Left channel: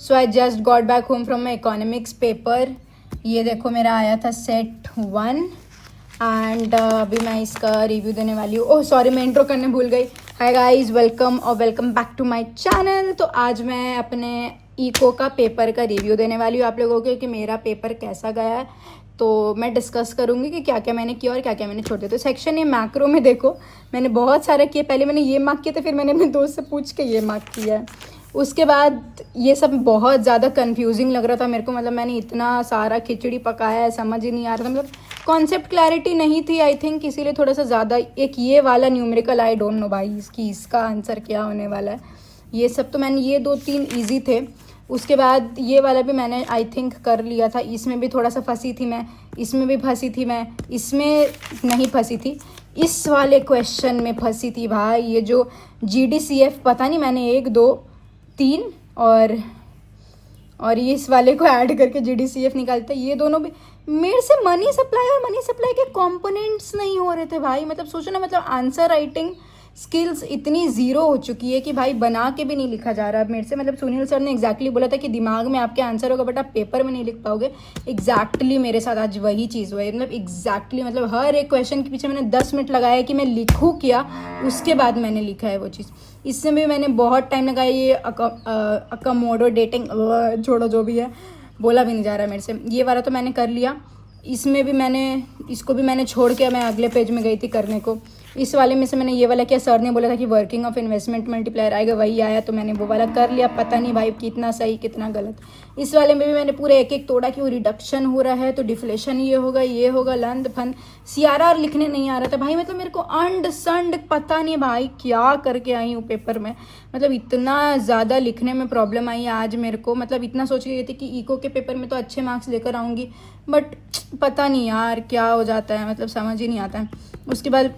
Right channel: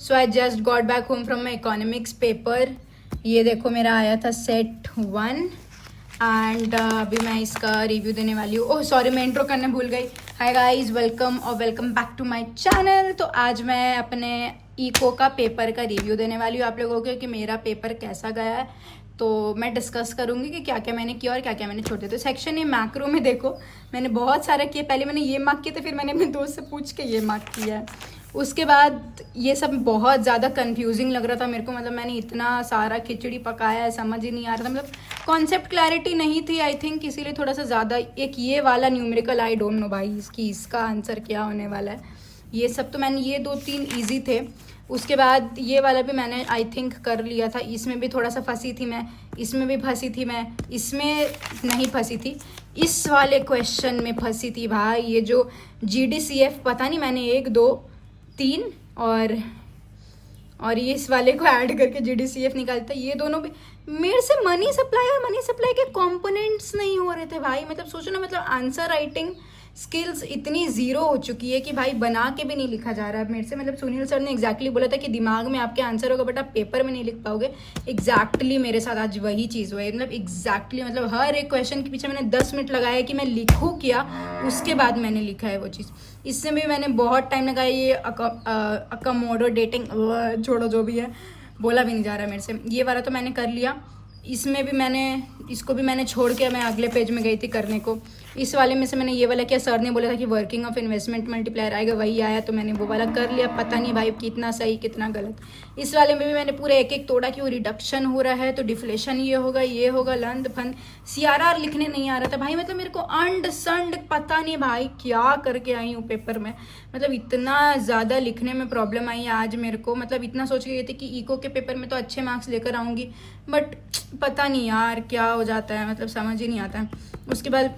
So I just got back home from my economics paper. ये देखो मेरा आया था सेट 1 एंड अभी मैं इसका रिव्यू देने वाली हूँ। ओह सॉरी, मैं इंट्रो करने भूल गई। हाय गाइस, वेलकम और welcome back to my channel. तो आज मैं अपने इको का पेपर का रिव्यू देने वाली हूँ आप लोगों को कि मेरा पेपर कैसा गया है। तो मैं डिस्कस करूँगी कि क्या क्या मैंने किया और क्या क्या मैंने छोड़ दिया। तो सेक्शन ये मैक्रो में देखो, मैंने बहुत सारे किए। पहले मैंने ये मार्क किए थे, फिर मैंने अपने दोस्त से पूछ के ये मार्क किया है। उसके बाद ये सब बहुत ज़्यादा कंफ्यूजिंग लग रहा था मेरे को। मतलब मैंने इतना सारा खिचड़ी पकाया है, समझ ही नहीं आ रहा था। मतलब कॉन्सेप्ट क्लैरिटी नहीं थी आई थिंक, इसीलिए थोड़ा सा ज़्यादा। एक ये वाला न्यूमेरिकल, आई डोंट नो भाई इसका आंसर क्या होने वाला है। ये सब तो मैंने, ये 2-3 ईजी थे। उसके बाद ये वाला भी मैंने आई थिंक कर लिया था। इसमें भी थोड़ा सा फंसी थी मैं, इसमें भी फंसी थी मैं, इसमें नहीं फंसी थी, इस वाले क्वेश्चन में फंसी थी भाई। ये जो GDCF पता नहीं, मैंने 1 2 3 और ये इस वाले को ऐड करके GDCF निकालता। ये दोनों भी मेरे से मनी सप्लाई और मनी सप्लाई के कंपोनेंट्स नहीं हो रहे थे भाई। मतलब सोचो ना, मतलब आंसर राइटिंग स्किल्स इतनी ज़ीरो हो चुकी है कि भाई बना के भी नहीं लिखा जा रहा मेरे से। मतलब सुनील सर ने एग्जैक्टली बोला था कि दिमाग में आपके आंसर होगा बट आप पेपर में नहीं लिख पाओगे। एग्जैक्टली मेरे साथ आज वही चीज़ हुई। मतलब एग्जैक्टली, मतलब हर एक क्वेश्चन के पीछे मैंने 10 मिनट लगाया कि मैं लिखूँ क्या, उसके बाद मैंने लिखा है वो चीज़। इससे भी मैंने बहुत टाइम लगाया। ये अकोमोडेटिंग, छोड़ो जो भी है, बोला भी नहीं जा रहा मेरे से। ये वाला तो मैंने कर लिया। इसमें भी मैंने, इसको भी मैंने छोड़ के मैं अगले पेज में गई थी करने को। इस वाले में से मैंने ये वाला किया। सर ने बोला था कि वर्किंग ऑफ इन्वेस्टमेंट मल्टीप्लायर आएगा, वही आया, तो मैंने वो वाला कर लिया। पता नहीं भाई कितना सही कितना गलत। इस वाले में भी मैंने पूरे एक एक तोड़ा कि वो रिडक्शन हो रहा है तो डिफ्लेशन ये होगा लंद फंद। CRR लिखने नहीं आ रहा था भाई। मतलब मेरे को अंड संड पता नहीं भाई क्या करके आई हूँ पेपर में। मतलब इतना ज़्यादा लिखने में प्रॉब्लम आई आज मेरे को। मतलब इतना सोच रही थी कि इको के पेपर में तो अच्छे मार्क्स लेकर आऊँगी, बट पता नहीं यार क्या हो जाता है, मतलब समझ ही नहीं आता है। उसके बाद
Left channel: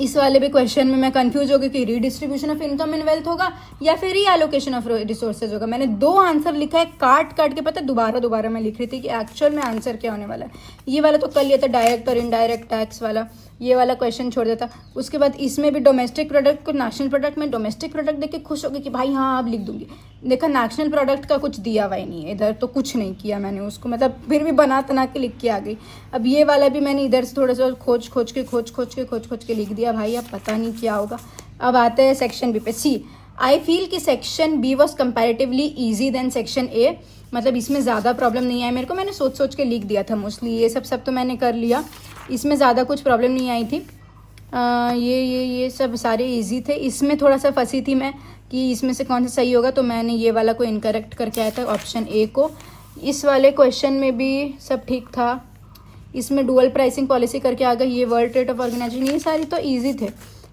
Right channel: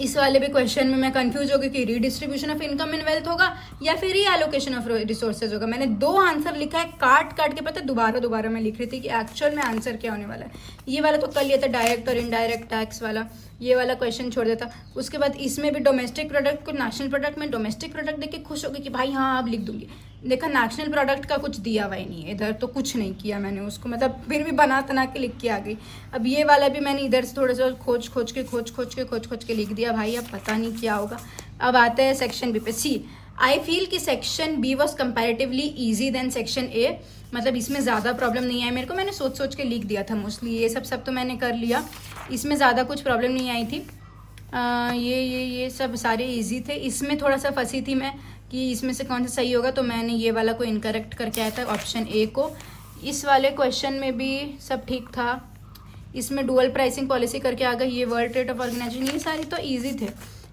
इस वाले भी क्वेश्चन में मैं कंफ्यूज हो गई कि redistribution of income and wealth होगा या फिर री एलोकेशन ऑफ रिसोर्सेज होगा। मैंने 2 आंसर लिखा है काट काट के, पता है दोबारा मैं लिख रही थी कि एक्चुअल में आंसर क्या होने वाला है। ये वाला तो कर लिया था, डायरेक्ट और इनडायरेक्ट टैक्स वाला। ये वाला क्वेश्चन छोड़ देता। उसके बाद इसमें भी डोमेस्टिक प्रोडक्ट को नेशनल प्रोडक्ट में डोमेस्टिक प्रोडक्ट देख के खुश हो गई कि भाई हाँ अब लिख दूंगी। देखा नेशनल प्रोडक्ट का कुछ दिया हुआ ही नहीं है इधर, तो कुछ नहीं किया मैंने उसको। मतलब फिर भी बना तना के लिख के आ गई। अब ये वाला भी मैंने इधर से थोड़ा सा खोज के लिख दिया भाई। अब पता नहीं क्या होगा। अब आते हैं सेक्शन बी पे। सी आई फील कि section B was comparatively easy than section A. मतलब इसमें ज़्यादा प्रॉब्लम नहीं आई मेरे को। मैंने सोच के लिख दिया था मोस्टली। ये सब तो मैंने कर लिया। इसमें ज़्यादा कुछ प्रॉब्लम नहीं आई थी। ये सब सारे इजी थे। इसमें थोड़ा सा फंसी थी मैं कि इसमें से कौन सा सही होगा, तो मैंने ये वाला को इनकरेक्ट करके आया था, ऑप्शन ए को। इस वाले क्वेश्चन में भी सब ठीक था। इसमें डुअल प्राइसिंग पॉलिसी करके आ गई। ये वर्ल्ड ट्रेड ऑफ ऑर्गेनाइजेशन, ये सारी तो ईजी थे।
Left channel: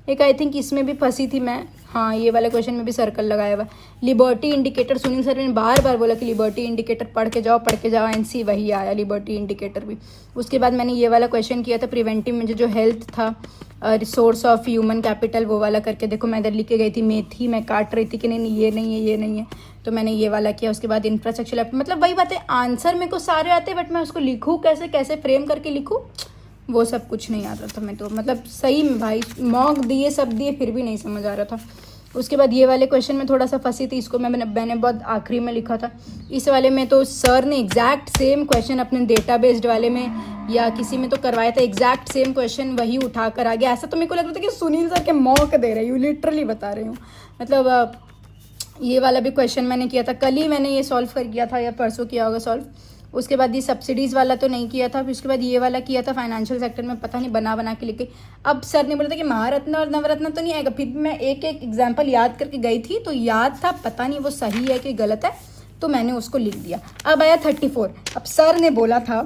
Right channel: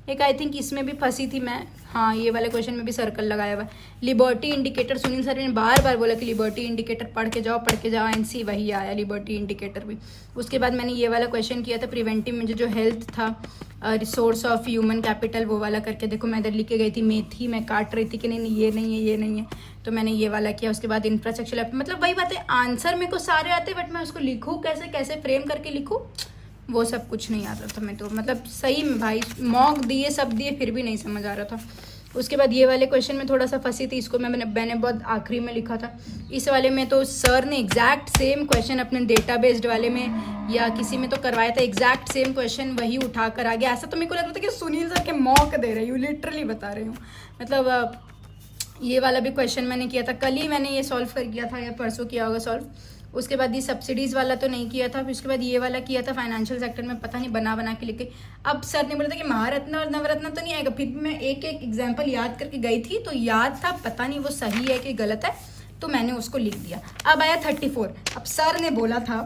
एक आई थिंक इसमें भी फंसी थी मैं। हाँ, ये वाले क्वेश्चन में भी सर्कल लगाया हुआ। लिबर्टी इंडिकेटर, सुनील सर ने बार बार बोला कि लिबर्टी इंडिकेटर पढ़ के जाओ एनसी, वही आया लिबर्टी इंडिकेटर भी। उसके बाद मैंने ये वाला क्वेश्चन किया था प्रिवेंटिव में जो हेल्थ था, रिसोर्स ऑफ ह्यूमन कैपिटल, वो वाला करके देखो मैं इधर लिख के गई थी मेथी, मैं काट रही थी कि नहीं ये नहीं है, तो मैंने ये वाला किया। उसके बाद इंफ्रास्ट्रक्चर, मतलब वही बात है, आंसर मेरे को सारे आते बट मैं उसको लिखूँ कैसे फ्रेम करके लिखूँ, वो सब कुछ नहीं आ रहा था मैं तो। मतलब सही में भाई मॉक दिए सब दिए फिर भी नहीं समझ आ रहा था। उसके बाद ये वाले क्वेश्चन में थोड़ा सा फंसी थी। इसको मैंने बहुत आखिरी में लिखा था। इस वाले में तो सर ने एग्जैक्ट सेम क्वेश्चन अपने डेटा बेस्ड वाले में या किसी में तो करवाया था, एग्जैक्ट सेम क्वेश्चन वही उठा कर आ गया। ऐसा तो मेरे को लग रहा था कि सुनील सर के मॉक दे रही हूँ, लिटरली बता रही हूँ। मतलब ये वाला भी क्वेश्चन मैंने किया था, कल ही मैंने ये सॉल्व कर किया था या परसों किया होगा सॉल्व। उसके बाद ये सब्सिडीज़ वाला तो नहीं किया था। फिर उसके बाद ये वाला किया था फाइनेंशियल सेक्टर में, पता नहीं बना के लिखे। अब सर ने बोला था कि महारत्न और नवरत्न तो नहीं आएगा। फिर भी मैं एक एग्जाम्पल याद करके गई थी तो याद था, पता नहीं वो सही है कि गलत है, तो मैंने उसको लिख दिया। अब आया 34। अब सर ने बोला था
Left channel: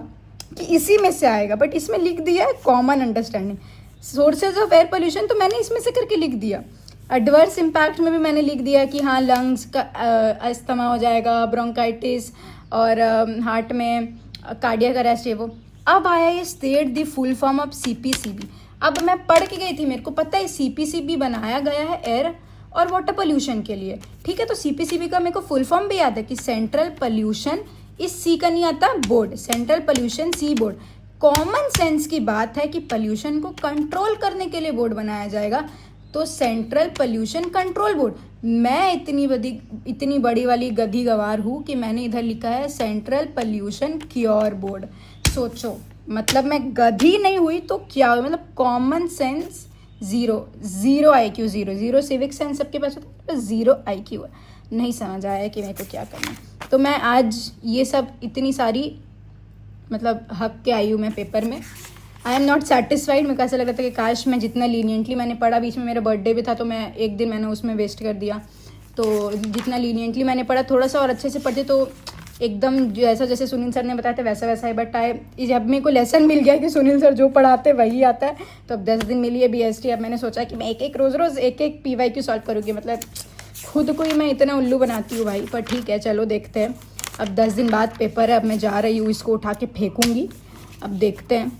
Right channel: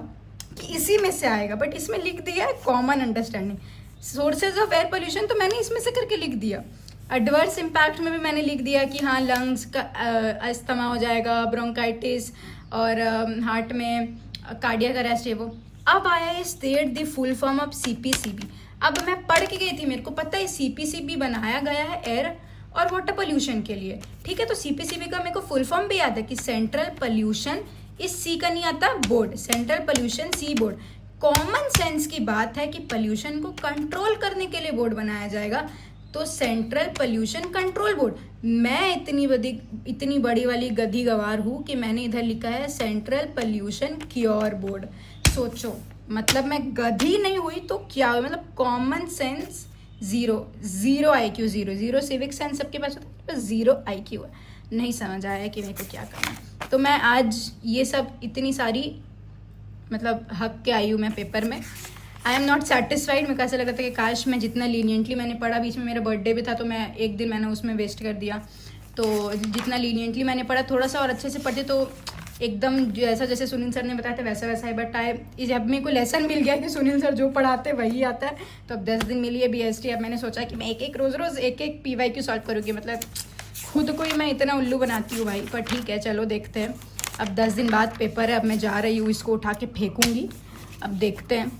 कि इसी में से आएगा बट इसमें लिख दिया है common understanding. Sources of air pollution तो मैंने इसमें से करके लिख दिया। एडवर्स इम्पैक्ट में भी मैंने लिख दिया कि हाँ लंग्स का अस्थमा हो जाएगा, ब्रोंकाइटिस, और हार्ट में कार्डियक अरेस्ट है वो। अब आया ये state the full form of CPCB। अब मैं पढ़ के गई थी, मेरे को पता है CPCB बनाया गया है एयर और वाटर पोल्यूशन के लिए, ठीक है। तो CPCB का मेरे को फुल फॉर्म भी याद है कि सेंट्रल पोल्यूशन, इस C का नहीं आता board, central pollution C board. Common sense की बात है कि पोल्यूशन को कंट्रोल करने के लिए बोर्ड बनाया जाएगा, तो सेंट्रल पोल्यूशन कंट्रोल बोर्ड। मैं इतनी बड़ी वाली गधी गवार हूँ कि मैंने इधर लिखा है सेंट्रल पोल्यूशन क्योर बोर्ड। सोचो, मतलब मैं गधी नहीं हुई तो क्या हुई, मतलब common sense zero, zero IQ, zero civic sense सबके पास होता है, बस जीरो IQ है। नहीं समझ आया कि मेरे को क्या करना है। तो मैं आज ये सब इतनी सारी मतलब हक के आई हूँ मैं पेपर में। I am not satisfied. मेरे को ऐसा लग रहा था कि काश मैं जितना लीनियंटली मैंने पढ़ा, बीच में मेरा बर्थडे भी था तो मैं एक दिन मैंने उसमें वेस्ट कर दिया, तो जितना लीनियंटली मैंने पढ़ा थोड़ा सा और अच्छे से पढ़ते तो एकदम जैसा जैसे सुनील सर ने बताया था वैसा वैसा है। बट जब मेरे को लेसन मिल गया कि सुनील सर जो पढ़ाते वही आता है, तो अब 10 दिन मिली है BST। अब मैंने सोचा कि मैं एक रोज़ एक PYQ सॉल्व करूँगी। मतलब खुद को ही मैं इतना उल्लू बनाती हूँ भाई, पर ठीक है चलो देखते हैं। अब 10 दिन बाद पेपर है, अब मैं जा रही हूँ, इसको उठा के फेंकूँगी। अब देखते हैं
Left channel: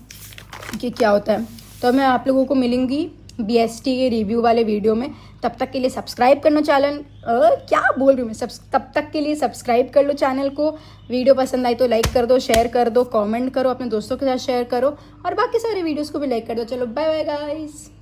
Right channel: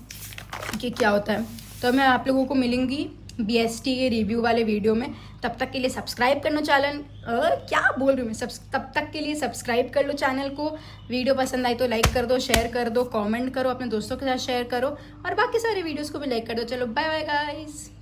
कि क्या होता है। तो मैं आप लोगों को मिलूंगी BST के रिव्यू वाले वीडियो में। तब तक के लिए सब्सक्राइब कर लो चैनल, क्या बोल रही हूँ मैं, तब तक के लिए सब्सक्राइब कर लो चैनल को। वीडियो पसंद आई तो लाइक कर दो, शेयर कर दो, कमेंट करो, अपने दोस्तों के साथ शेयर करो और बाकी सारे वीडियोस को भी लाइक कर दो। चलो बाय बाय गाइस।